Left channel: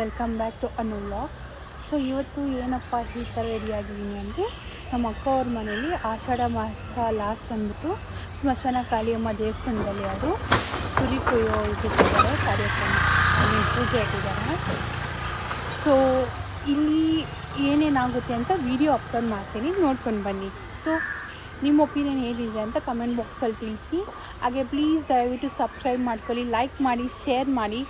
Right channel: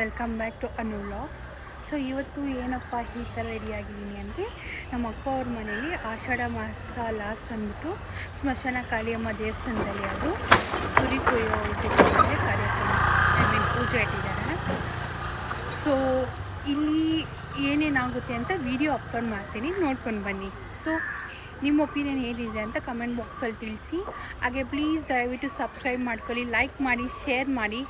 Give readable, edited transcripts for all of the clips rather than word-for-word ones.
Welcome back to Anu vlogs. So ಇವತ್ತು ಏನಪ್ಪ ಈ ಥರ ರೆಡಿಯಾಗಿದ್ದೀನಿ ಅಂದರೆ, ನಮ್ಮ ಅಕ್ಕ ಅವ್ರ ಮನೇಲಿ ಆಷಾಢ ಮಾಸ ಲಾಸ್ಟ್ ಅಂದ್ಬಿಟ್ಟು ಸ್ಮಶಾನ ಕಾಳಿಯಮ್ಮ ದೇವಸ್ಥಾನದಲ್ಲಿ ಅದು ಕುರಿ ಕೊಯ್ಯೋ ಇಟ್ಟಿದ್ದಾರೆ, ಕಾರ್ಯಕ್ರಮ ಪೂಜೆ ಇಟ್ಟಿದ್ದಾರೆ. ಸೊ ಇಲ್ಲಿ ಏನೇನಾಗುತ್ತೆ ಅಂತ ವಿಡಿಯೋ ಅಪ್ಲೋಡ್ ಮಾಡ್ತೀನಿ, ನೋಡ್ಕೊಂಡು ಬನ್ನಿ. ಸೊ ನಿಮ್ಮ ಒಪಿನಿಯನ್ ಹೇಗಿದೆ ಅಂತ ಕಮೆಂಟ್ ಬಾಕ್ಸಲ್ಲಿ ತಿಳಿಸಿ. ಹಾಗೆ ಪ್ಲೀಸ್ ದಯವಿಟ್ಟು ಸಬ್ಸ್ಕ್ರೈಬ್ ಮಾಡ್ಕೊಳ್ಳಿ, ಲೈಕ್ ಮಾಡಿ, ಶೇರ್ ಮಾಡಿ.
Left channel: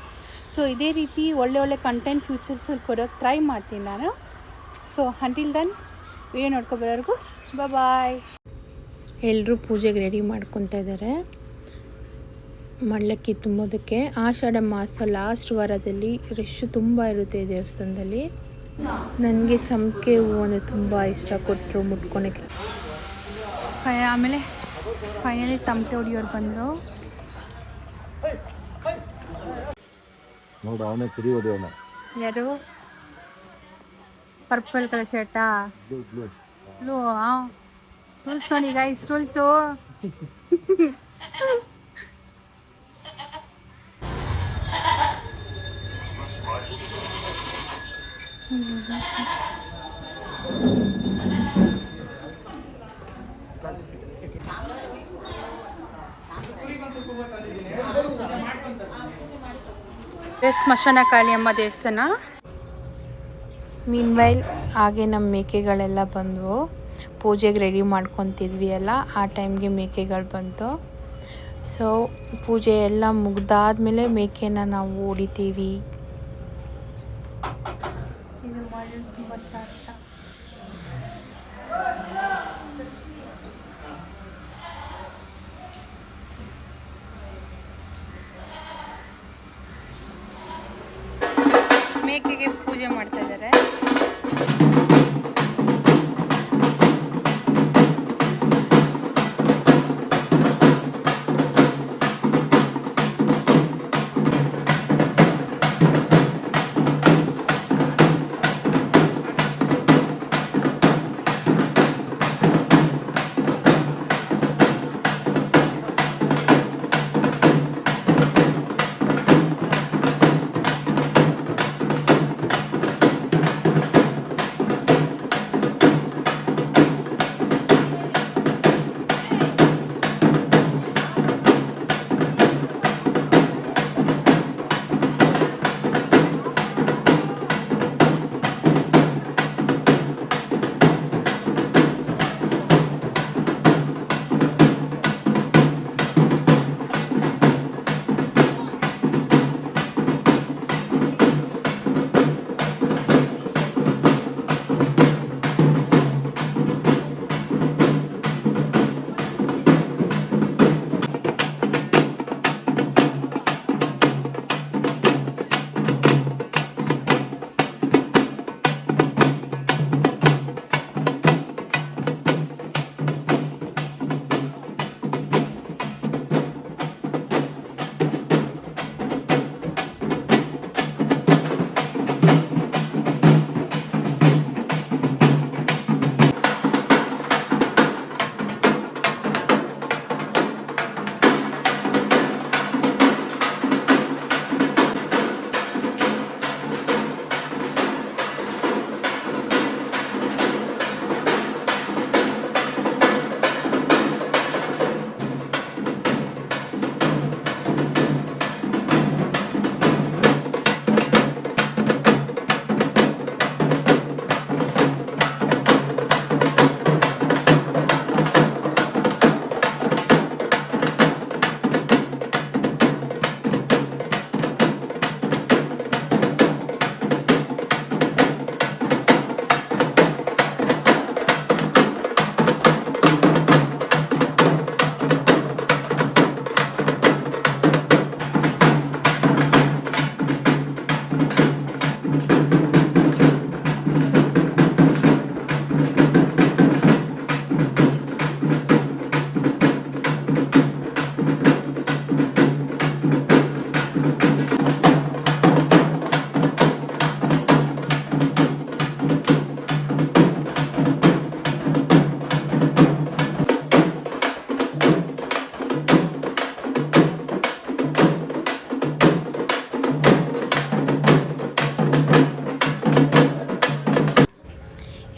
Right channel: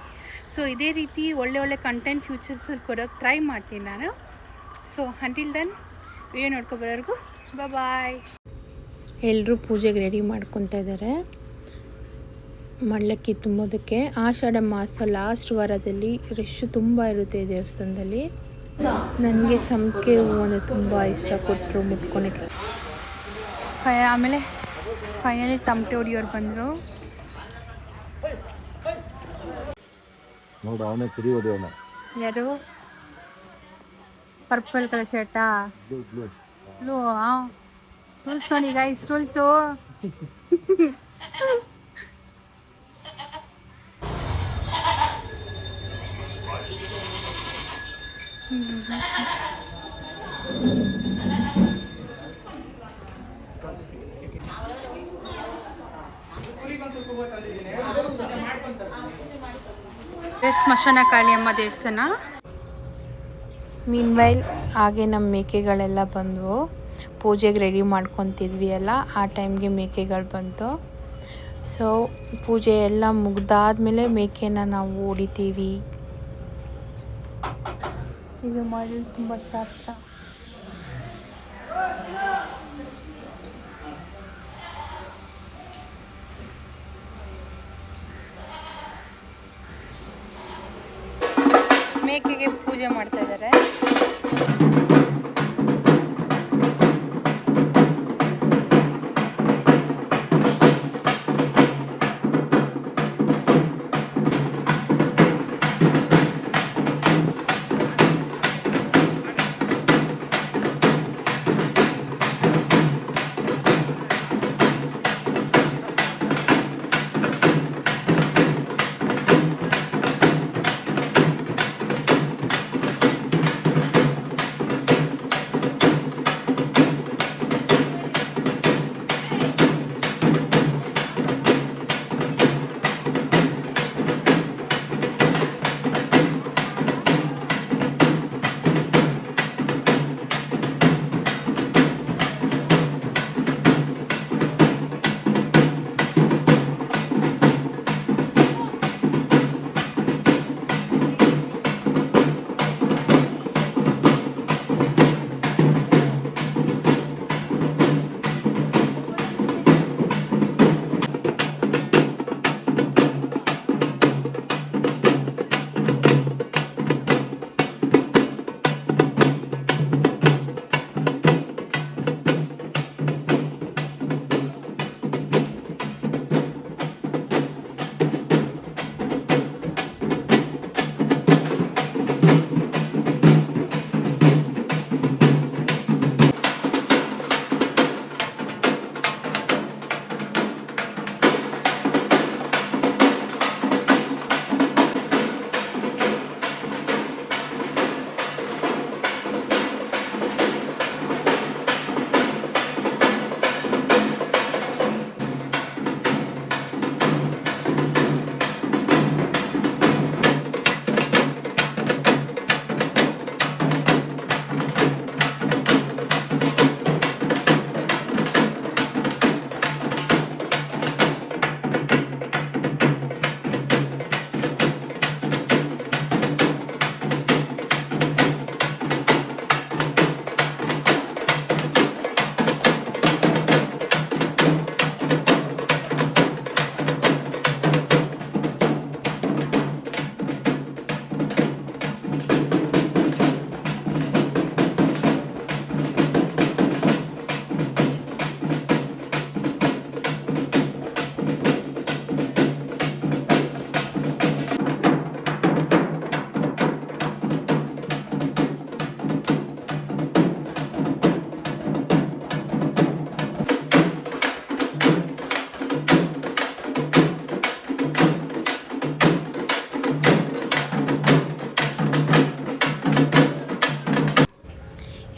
ಸೊ ಇದೇ ರೀತಿ ಒಳ್ಳೆ ಕಂಟೆಂಟ್ ಫ್ಯೂಚರ್ಸಲ್ಲಿ ಕೊಡೋಕ್ಕೆ ಟ್ರೈ ಮಾಡ್ತೀನಿ ನಾನು. ಸೊ ಅಂಟಿಲ್ ದೆನ್ ವಿಡಿಯೋ ನೋಡ್ಕೊಬರೋರ್ಗು ಬಾಯ್. ಎಲ್ಲರೂ ಪೂಜೆಗೆ ರೆಡಿ ಮಾಡ್ಕೊತಾ ಇದ್ದಾರೆ. ಮಳ್ಳಕ್ಕಿ ತುಂಬೋದಕ್ಕೆ ಆಷಾಢ ಮಾಸ ಲಾಸ್ಟ್ ವಾರದಲ್ಲಿ ರಶ್ ತುಂಬ ಇರುತ್ತೆ ಈ ದೇವಸ್ಥಾನದಲ್ಲಿ. ನನಗೆ ಸಂಪಿಗೆ ಹೂವು ಅಂದರೆ ತುಂಬ ಇಷ್ಟ, ಕೊಟ್ಟರು ಮುಟ್ಕೊಳಕ್ಕೆ. ಆಮೇಲೆ ಫೈನಲಿ ತಮಟೆ ಹೊಡಿಯೋರು ಬಂದರು. ಯಾರು? ಪರ್ಪಲ್ ಕಲರ್ ಶರ್ಟಾ? ಬ್ಲೂ. ಟೂಲ್ಸ್ ನೋಡಿ ಗೈಸ್, ಟೂಲ್ಸು. ಸ್ಮಶಾನ ಕಾಳಿಯಮ್ಮ ದೇವಸ್ಥಾನ. ಮೀನ್ವೈಲ್ ಹಾಗೆ ನಮ್ಮ ಮೇಕೆಗಳೆಲ್ಲ ಬಂದವು. ಪೂಜೆಗೆ ರೆಡಿ ಮಾಡ್ಕೊತಿದ್ವಿ ಅಲ್ಲ, ಆ ಟೈಮ್ಗೆ ಮೇಕೆಗಳು ಬಂತು. ಸೊ ಪೂಜೆ ಎಲ್ಲ ಮುಗ್ದಾದ್ಮೇಲೆ ಮೇಕೆನ ನಾವು ಹೊಡಿತೀವಿ. ಇದು ಮಾಡಿ ತುಂಬ ಶಾಸ್ತ್ರ. ಮೇಕೆಗೆ ಪೂಜೆ ಮಾಡ್ತಾ ಇದ್ದಾರೆ.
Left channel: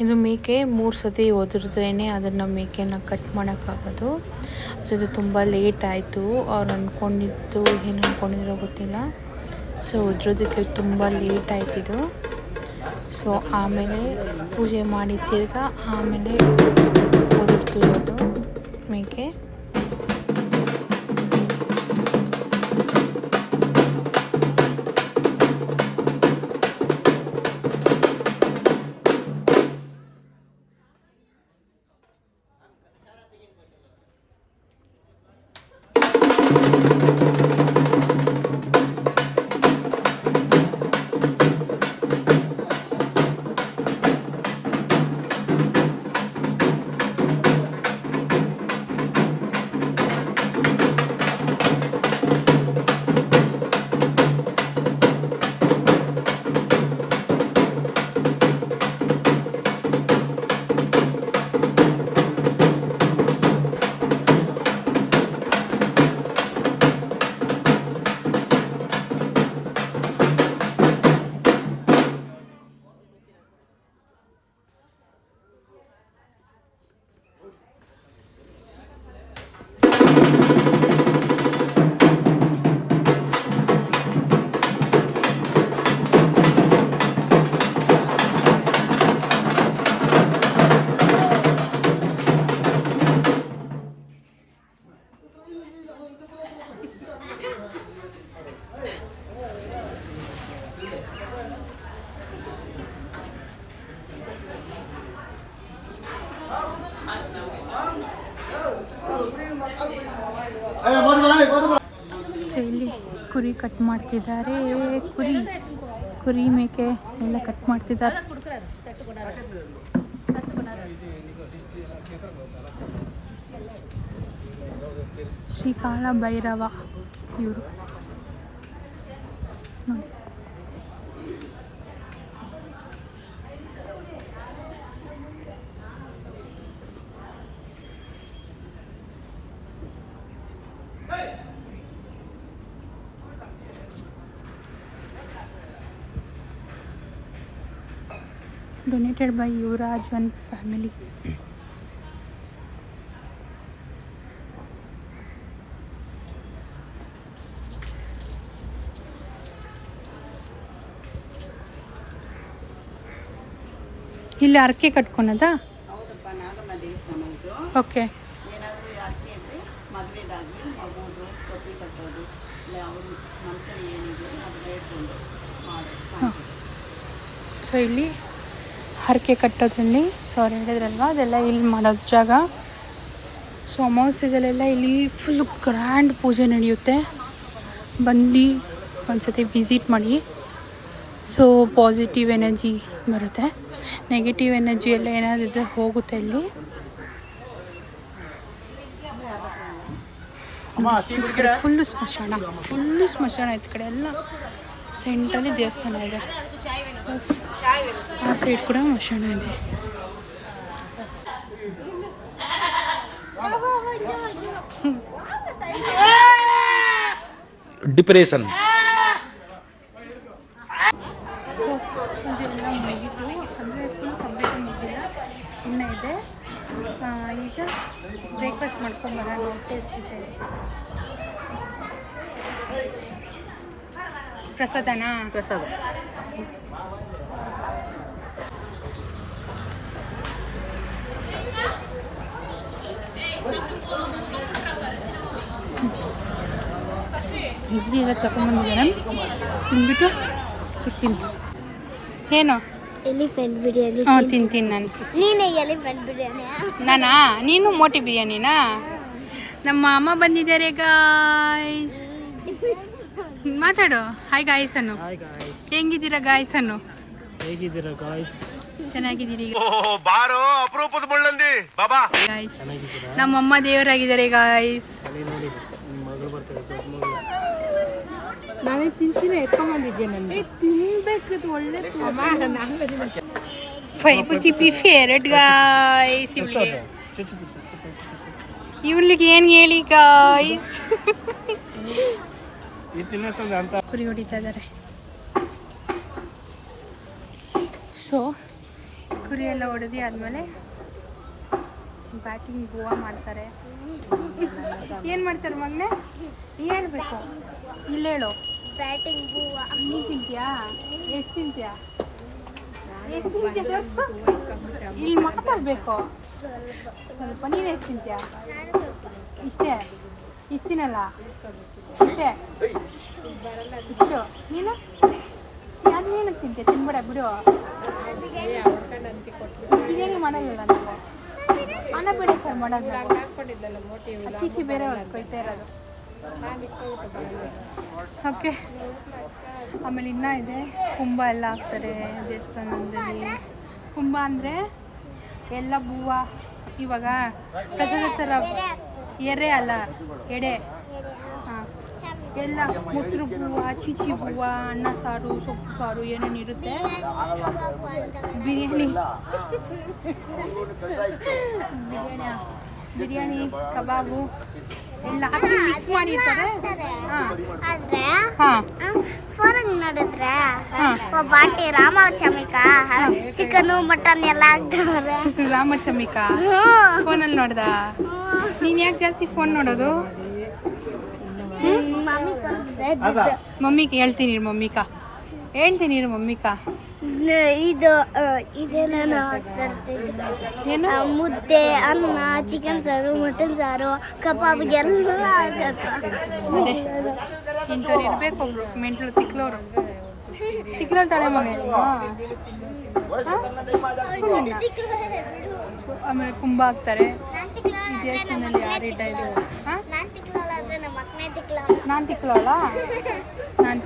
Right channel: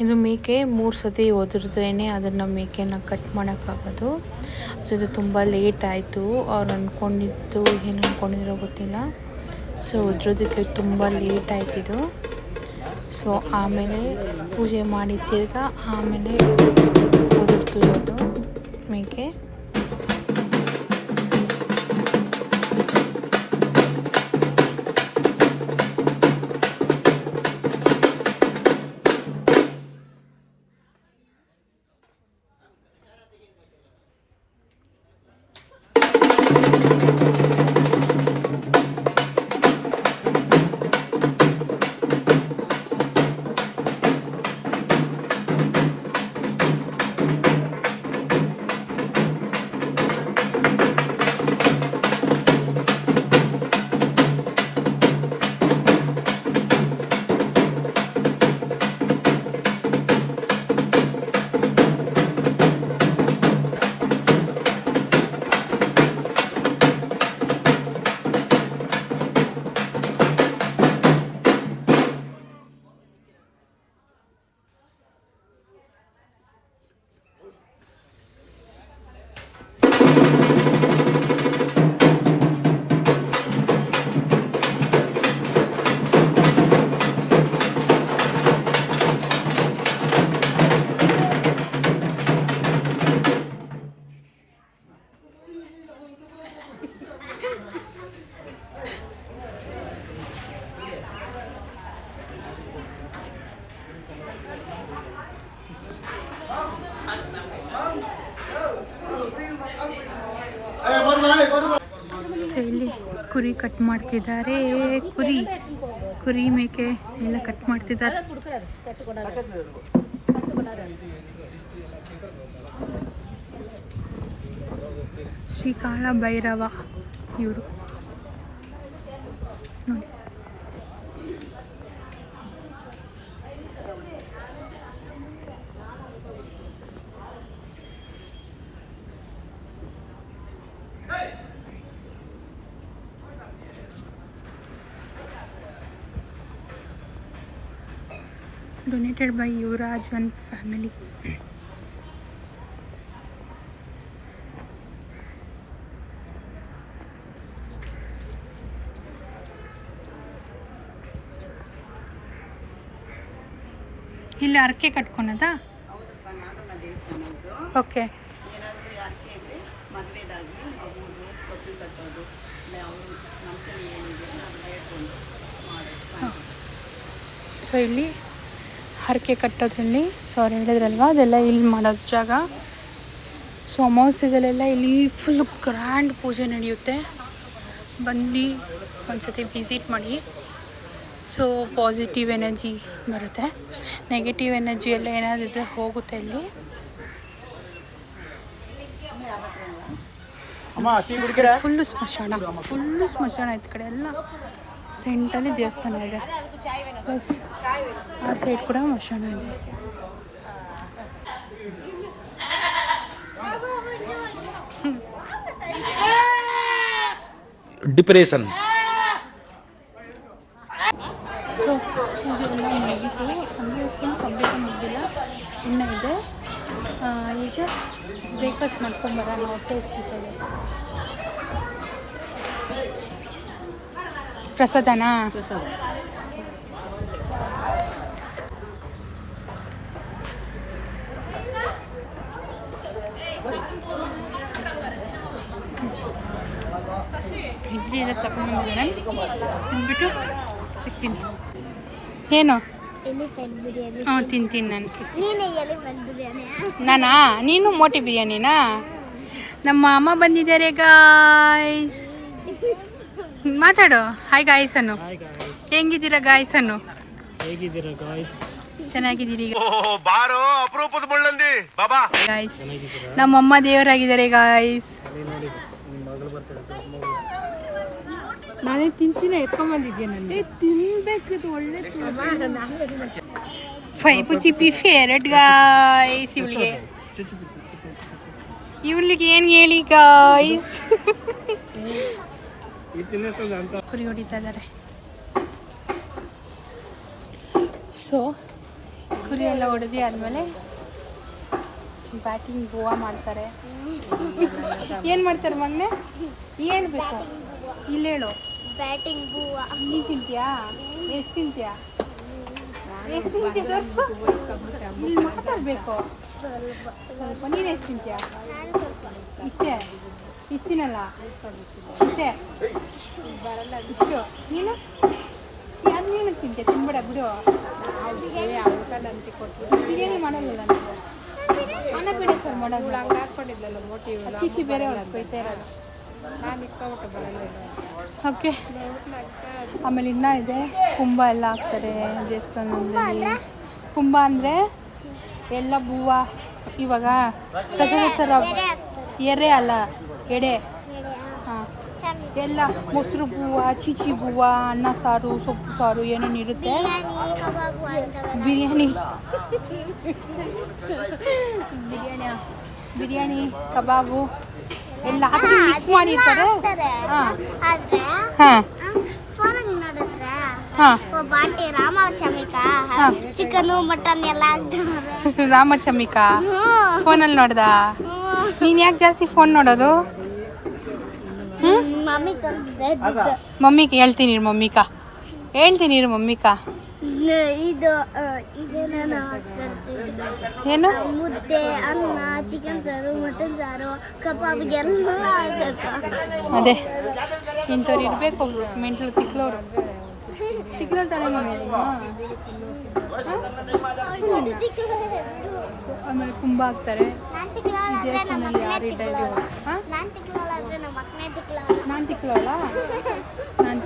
ಇದು ಮೇಕೆ 3 ಸತಿ ಒದರಿದ್ರೇ ಅದನ್ನು ಮೇಕೆನ ಕಟ್ ಮಾಡೋಕ್ಕಾಗೋದು. ಸೊ ಇದು ತುಂಬ ಲೇಟ್ ಆಯಿತು. ಅವ್ರು ಅಂದ್ಕೊಂಡಿದ್ದು ಏನು ಅಂದ್ಕೊಂಡಿದ್ರೋ ಗೊತ್ತಿಲ್ಲ. ಸೊ ಒದ್ರೋದಕ್ಕೆ ತುಂಬ ಲೇಟ್ ಆಯ್ತಿದ್ದು. ಸೊ ಆಮೇಲೆ ಪೂಜೆ ಮಾಡಿ ತಿರ್ಗಾ ಆಮೇಲೆ ಒದರ್ತಿರೋದು ಮೇಕೆ. ಸೊ ಇಲ್ಲಿ ಕುರಿ ಕಟ್ ಮಾಡ್ತಿದ್ದಾರೆ. ಕುರಿ ಮೇಕೆ ಎಲ್ಲ ಕಟ್ ಮಾಡ್ತಿದ್ದಾರೆ. ಶ್ರೀ ಕಾಳ ಭೈರವ ಇವರು ನೋಡಿ. Donated by Yuvraj and family. ಇಲ್ಲಿ ಅರ್ಕೆ ಕಟ್ಕೊಳೋದಾ? ಓಕೆ. ಏನಾದರೂ ಅರ್ಕೆ ಇದ್ದರೆ ಮದುವೆದಾಗಲಿ ಮಗುವುದು ತೊಟ್ಟು ಕಟ್ಟೋದು ಇಲ್ಲ ಅವರು ಮನಸ್ಸಲ್ಲಿ ಏನಿದೆ ಅದು ಬೇಡ್ಕೊಂಡು ಮಾಡೋದು. ಸೊ ಇಲ್ಲಿ ಹರಕೆ ಕಟ್ಟೋದ್ರಲ್ಲಿ ಸೊ ಅವ್ರು ಹೇಳಿದ್ರಲ್ವ ಅದೆಲ್ಲ ಇಲ್ಲಿ ಮಾಡೋದು ಜಾಗ. ಸೊ ಅಮಾವಾಸ್ಯೆದಲ್ಲೆಲ್ಲ ಇಲ್ಲಿ ಫುಲ್ ಗ್ರ್ಯಾಂಡ್ ಪೂಜೆ ನಡೆಯುತ್ತೆ. ಬನ್ನಿ ಒಂದ್ಸತಿ ವಿಸಿಟ್ ಮಾಡಿ. ಸೊ ಪಾಸಿಟಿವ್ ಎನರ್ಜಿ ಬರುತ್ತೆ. ನೆಗೆಟಿವ್ ಎನರ್ಜಿ ಎಲ್ಲ ಏನಾದಿದ್ರೆ ಹೋಗುತ್ತೆ ಇಲ್ಲಿ. ಈ ಕಡೆ ಫುಲ್ಲು ಸ್ಮಶಾನ ಈ ಕಡೆ ಎಲ್ಲ ಸೆಂಟಲ್ಲಿ ದೇವಸ್ಥಾನ ಇದೆ. ಪ್ಲಸ್ ಆ ಸೈಡ್ ಕೂಡ ಸ್ಮಶಾನ ಇದೆ. ಡಿಪ್ರೆಷನ್. ಸೊ ಪೂಜೆ ಎಲ್ಲ ಮುಗೀತು. ಅಂದರೆ ಫುಲ್ ಕಂಪ್ಲೀಟ್ ಮುಗಿದಿಲ್ಲ, ಇನ್ನೂ ಇದೆ. ಈಗ ಬ್ರೇಕ್ಫಾಸ್ಟ್ ಮಾಡ್ಕೊಂಬರೋಣ. ಹೊಟ್ಟೆ ಸಿಗ್ತದೆ. ಪ್ರಸಾದನಾ? ಪ್ರಸಾದ. ಇಡ್ಲಿ ಎಲ್ಲ ತಗೊಂಡ್ಬಂದಿದ್ದಾರೆ. ತಿಂದ್ಬಿಟ್ಟು ಸಿಗ್ತೀನಿ. ಏನು? ಎಲಿಫೆಂಟ್ ಬಿರಿಯಾನಿ. ಹಾಂ ತಿಂತೀನಿ ನಾನು. ನೀನೇ ಎಲಿಫೆಂಟ್ ಬಿರಿಯಾನಿ? ನಾನಾ? ನೀನು ಮೋಟಿ ಬಿರಿಯಾನಿನಾ? ನಮ್ಮ ಅಮ್ಮ ಬಂದಿದ್ದಾರೆ ಗಾಯ್ಸ್. ಮಾತಾಡು. ಹಾಯ್ ಗಾಯ್ಸ್ ಅನ್ನು. ಹೆಂಗಿದ್ದೀರಾ ಗಾಯ್ಸ್ ಅನ್ನು? ಹೇಗಿದ್ದೀರಾ ಗಾಯ್ಸ್? ಚೆನ್ನಾಗಿದ್ದೀರಿ ಬಾರೋ ಅಪರೂಪದ ಮುಳ್ಳಂದಿ ಬಾಬಾ ಗಾಯ್ಸ್. ನಮ್ಮಮ್ಮ ದೇವರಾಗಿದ್ದಾರೆ ಗಾಯ್ಸ್. ನೋಡಿ ನಿಮ್ಮ ಮಗಳು ಬರ್ತಾರೆ. ನಾನೇ ತಿಂತೀನಿ. ಎತ್ಕೊಂಬಂದಿದ್ಯಾ? ನನಗೆ ತಿನ್ಬೇಕಿತ್ತು. ಒಳ್ಳೆ ಫೈಬು ಚಿಪ್ಪಿ ಫೇವ್ರೆಟ್ ಗಾಯ್ಸ್. ಇವಳಿಗೆ ಏನು ಹೇಳಿ ಗಾಯ್ಸ್. ಕುರಿ ಹೊಡಿತಾ ಇದ್ದಾರೆ. ಸೊ ಕುರಿ ಎಲ್ಲ ಹೊಡೆದು ಆದಮೇಲೆ ಬ್ಯಾಟಿಂಗ್ ಗೋವಾ ಮಾಡ್ತಾರೆ. ಏನು ಮಾಡ್ತಾರೆ ಮಗನೇ? ಏನು ಬೇಕು ಇಲ್ಲಿ ಹೇಳು. ಬ್ಯಾಟಿಂಗ್ ಬೂವ. ನೀನು ತಿಂತೀಯಾ? ಎಷ್ಟು ತಿಂತೀಯಾ? ಎಷ್ಟು ತಿಂತೀಯ ತೋರಿಸು. ಇಲ್ಲಿ ಮಾತಾಡಬೇಕು ಸ್ವಲ್ಪ. ನೀನು ಎಷ್ಟು ತಿಂತೀಯಾ? ಇಷ್ಟೇ. ಇಷ್ಟು ತಿನ್ನಲ್ಲ? ಇಷ್ಟೇ ಇಷ್ಟು. ನೀನು ಅದು ನೀನು ತಿಂತೀಯ? ತಿನ್ಬೇಡ ಬಿಡು. ಬಿರಿಯಾನಿ ಮಾಡಲ್ಲ ನಾವು. ಅನ್ನ ಬೇಡ ಸರ್ ಮಾಡೋದು ನಾವು. ಅಚ್ಚಿಚ್ಚಿ ಬೇರೆ ಅವ್ರಿಗೆ ಕೊಯ್ತಾ ಇರೋದು. ಓಕೆ. ಆಮೇಲೆ ಇನ್ನೂ ಇದೆ ಕುಂಭ ಎಲ್ಲ ಹಾಕ್ತಾರೆ ದೇವಸ್ಥಾನದಲ್ಲಿ. ಕುಂಭ ಅಂದರೆ ಎಲ್ಲ ಹೂವು. ಇವಾಗ ಪ್ರಸಾದ ಥರ ಎರೆ ಅಲ್ಲ, ಎಡೆ. ಹಾಂ, ಎಲ್ಲ ಮೊಸರು ಹೂವು, ಚಿಚಿ ಹೂವು, ಅನ್ನ ಸಾರು, ಸೊಪ್ಪು ಸಾರು ಏನೇನು ಇರುತ್ತೆ. ಬಿರಿಯಾನಿ ಬಿರಿಯಾನಿ ಕಬಾಬು ಎಲ್ಲ ಹಾಕಿ ಮಿಕ್ಸ್ ಮಾಡಿರ್ತಾರೆ. ಹಾಂ ಹಾಂ ಫೋನಾಗ ನೋಡಿದ್ರೆ ಹಾಂ ಒಬ್ಬ ಆಂಟಿ ರಾಮಚಮಿಕ ಚಿಕನು ಮಟನ್ ಎಲ್ಲ ಹಾಕ್ತವ್ರೆ. ರಾಮಚಮಿಕ ಫೋನಲ್ಲಿ ನೋಡ್ದ? ನೀನು ಯಾಕೆ ಜಾಸ್ತಿ ಫೋನ್ ನೋಡೋದು? ಮಮ್ಮಿ ತಂದಿದ್ದೆ. ಮಮ್ಮಿಗೆ ಹೇಳ್ತೀನಿ ಇರು ಮಮ್ಮಿಕ. ಇದು ಇದೇನೇನು ಹಾಕ್ತಿರ್ತಿದ್ದೆ. ಏನು? ಮುದ್ದೆ, ಅನ್ನ, ಚಿಕನ್ ಸಾರು, ಮಟನ್ ಸಾರು, ಕಬಾಬ್ ಎಲ್ಲ ಹಾಕತ್ತೆ. ಅದೇ ಇಂಥವ್ರು ಇರಬೇಕು ಒಬ್ರು ಮೆಂಟ್ಲು ತಿಕ್ಲೋರು ತಾಳೆ ಮಗ. ಆಮೇಲೆ ಕುಂಭ ಹಾಕ್ತಾರೆ ಈ ದೇವಸ್ಥಾನದಲ್ಲಿ. ಯಾರು ಇಡ್ಡ ಇದು? ಹಾಂ, ನಾನು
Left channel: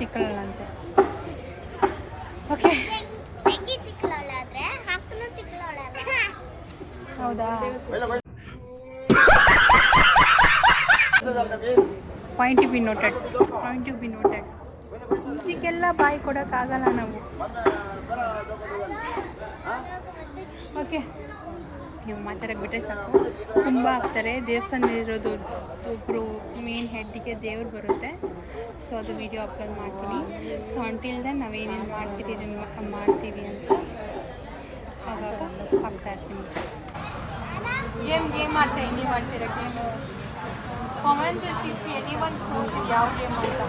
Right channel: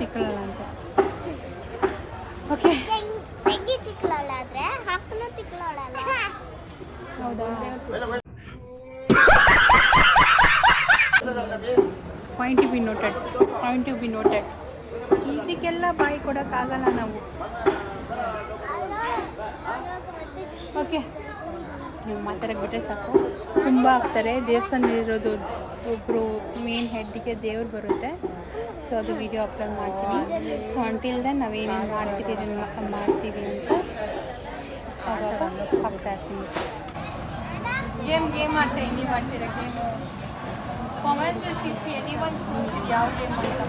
ತಿಕ್ಲೋಳ ಅಂತೆ. ಓಕೆ, ಹೌದಾ? Point to be noted. ಇದಕ್ಕೆಲ್ಲ ಬಾಯಿ ಕೊಡೋಕ್ಕಾಗಲ್ಲ ನಾವು. ಓಕೆ, ನೀವು ಮಾತಾಡೋಕೆ ಬಿಟ್ಟರೆ ಸಾಕು. ಕುಂಭ ಹಾಕ್ತಾರೆ ದೇವಸ್ಥಾನದಲ್ಲಿರೋದು. ಒಬ್ಬರು ಮೇನ್ ಹೆಡ್ಡಿಗೆ ದೇವ್ರು ಬರುತ್ತೆ. ಸೊ ಅದು ವಿಡಿಯೋ ಅಪ್ಲೋಡ್ ಮಾಡ್ತೀನಿ. ಸೊ ಅಂಟಿಲ್ ದೆನ್ ನಾವೇನೇನು ಮಾಡ್ತೀವಿ ಅಂತ ಅವಾಗ ಹಾಕ್ತಾ ಇರ್ತೀನಿ. ಗೇಮ್ ಮಾಡ್ತಾ ಹಿಂಗೆ ಮಾಡ್ತೀರಾ game? Comment if anyone knows ಯಾವ ಗೇಮ್ ಅಂತ.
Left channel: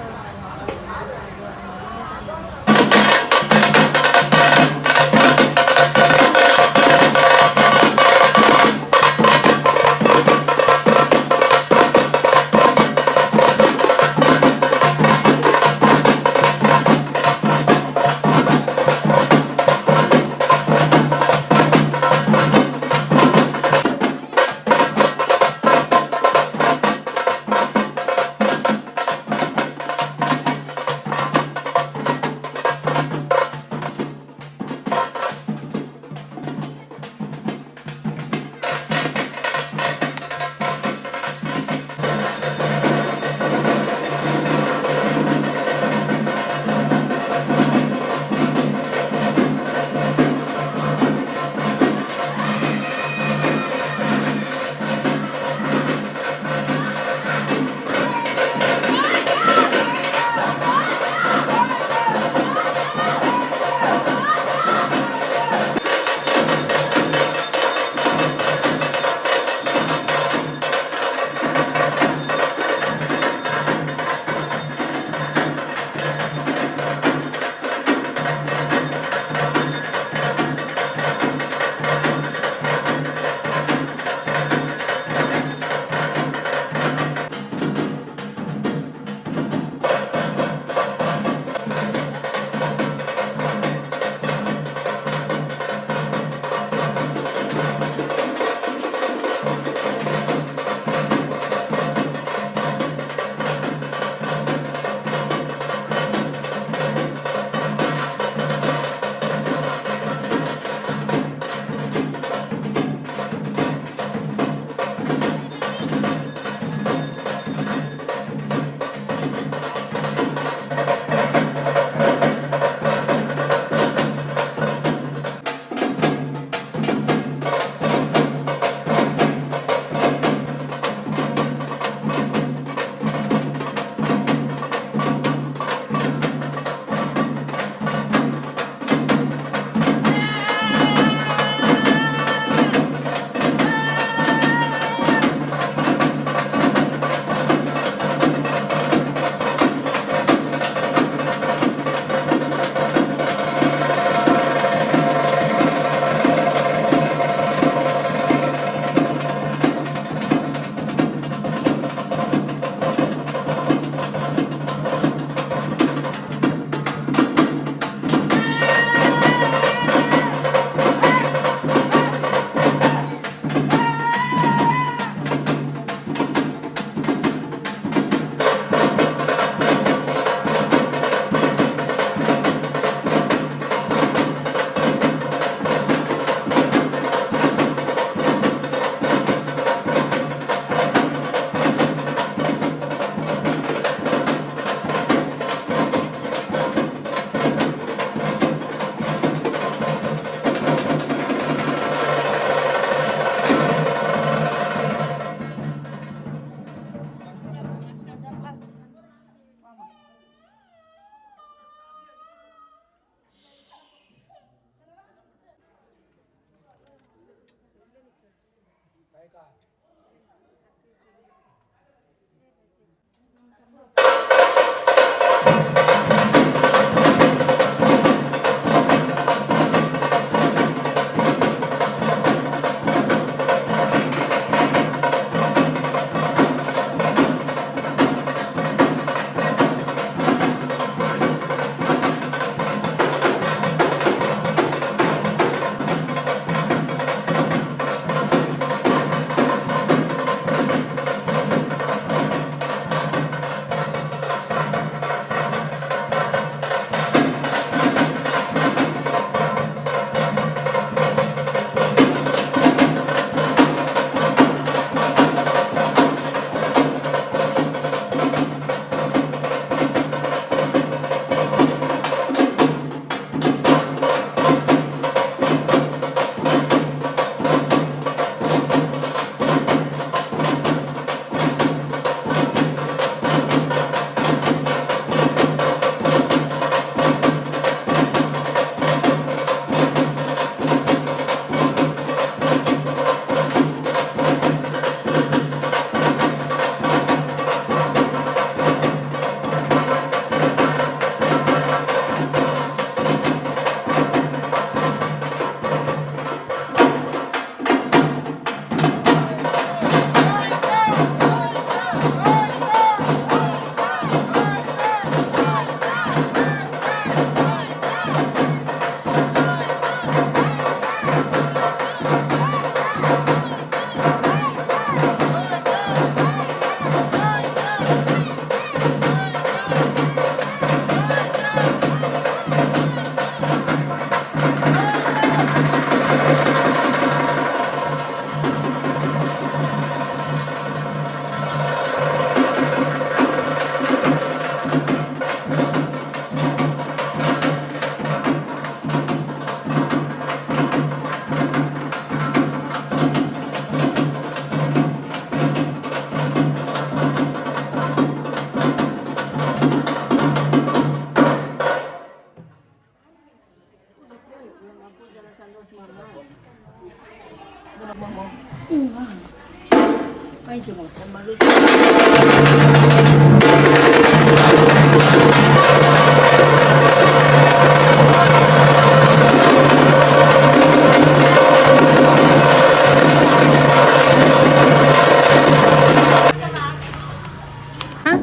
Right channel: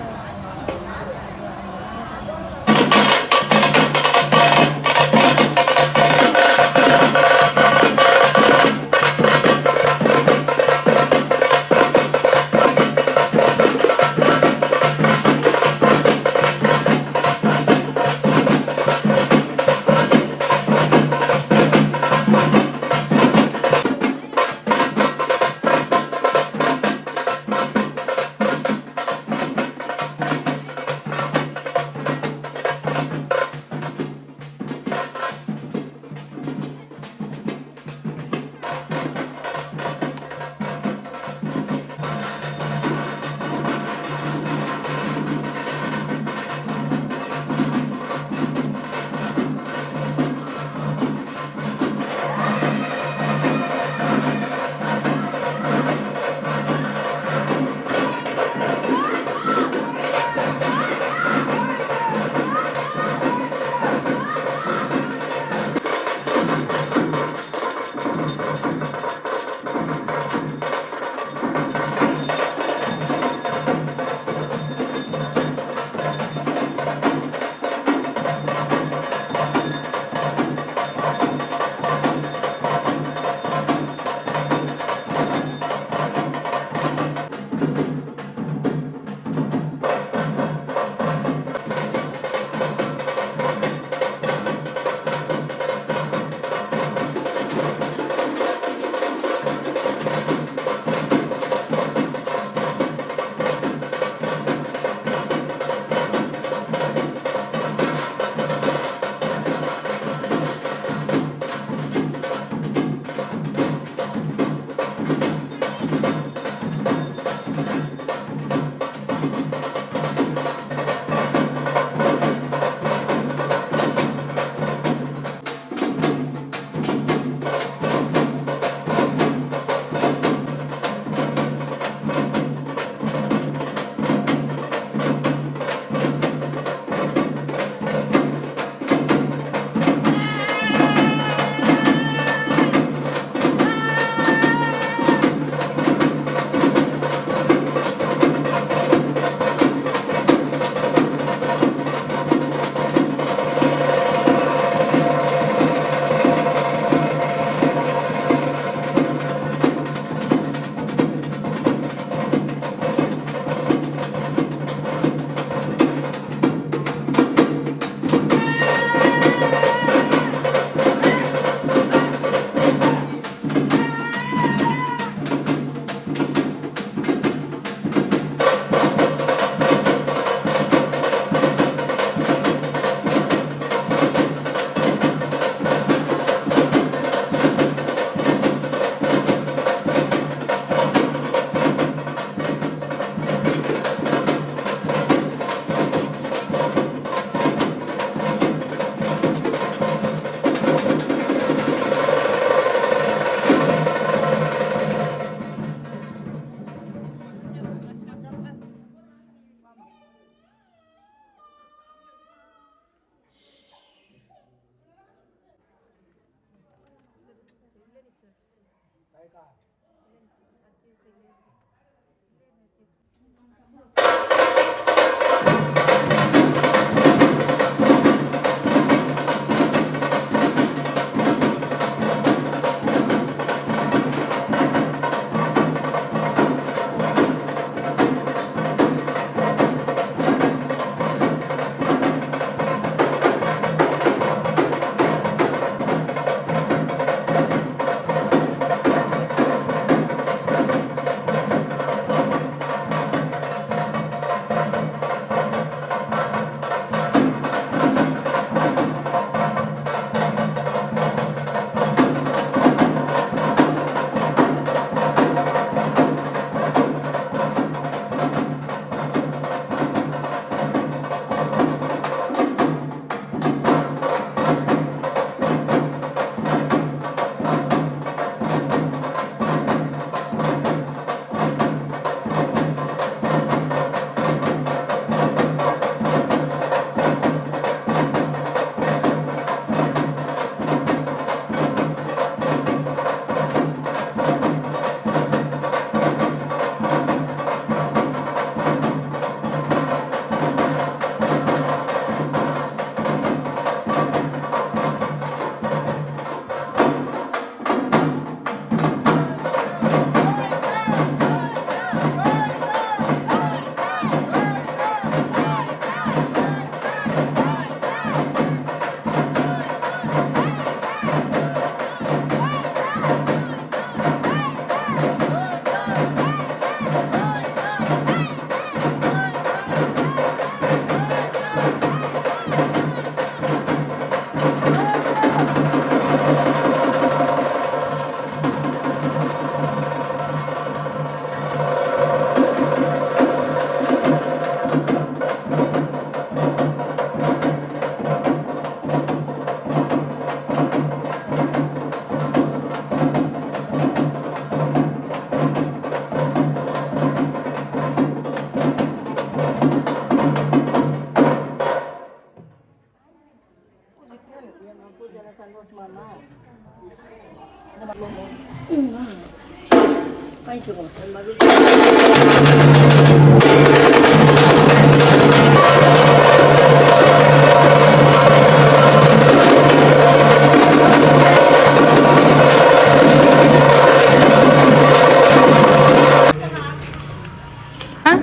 ಹಾಂ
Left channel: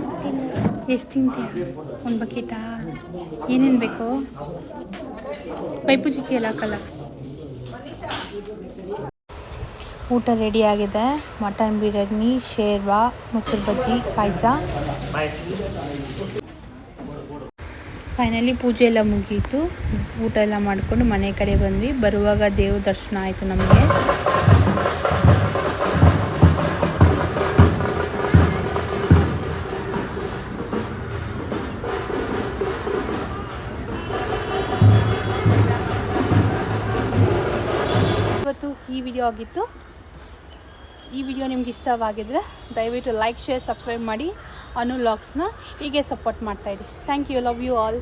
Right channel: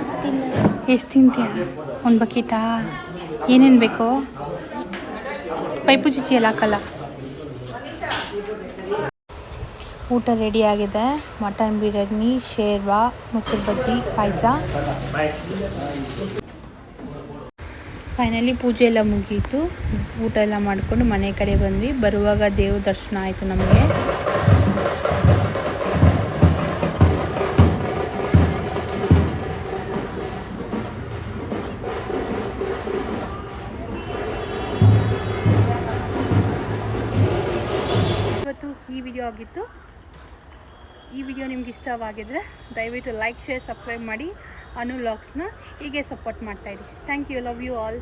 ಎಷ್ಟು ತಿಂತೀಯ? ಒಂದು ಬಕೆಟಾ? ಏನೇನು ಬೇಕು? ಪೈಪು ಚುಚ್ಚಿ ಎಲ್ಲ ಹಾಕಲ್ಲ. ಊಟ ರೆಡಿಯಾಗಿದೆ. ಮಟನ್ ಬಿರಿಯಾನಿ, ಶೇರ್ವಾ, ಮೊಸರು ಬಜ್ಜಿ, ಪಾಯಸ. ಫೈನಲಿ ಪೂಜೆ ಎಲ್ಲ ಮುಗೀತು. ಊಟ ಎಲ್ಲ ಮಾಡಿಕೊಂಡು ಮನೆ ಕಡೆ ಬಂದ್ವಿ. ಬರುವಾಗ ದೇವ್ರ ದರ್ಶನ ಆಯಿತು ನಮಗೆ. ಇವತ್ತು ಈ ವಿಡಿಯೋ ಆಗಿತ್ತು. ಈ ವಿಡಿಯೋ ನಿಮ್ಗೆ ಇಷ್ಟವಾಗಿದ್ದರೆ ದಯವಿಟ್ಟು ಲೈಕ್, ಶೇರ್, ಸಬ್ಸ್ಕ್ರೈಬ್ ಮಾಡಿ. ಅನು ವ್ಲಾಗ್ಸ್ನ ಹೀಗೆ ಸಪೋರ್ಟ್ ಮಾಡ್ತಾಯಿರಿ. Thank you. Love you all.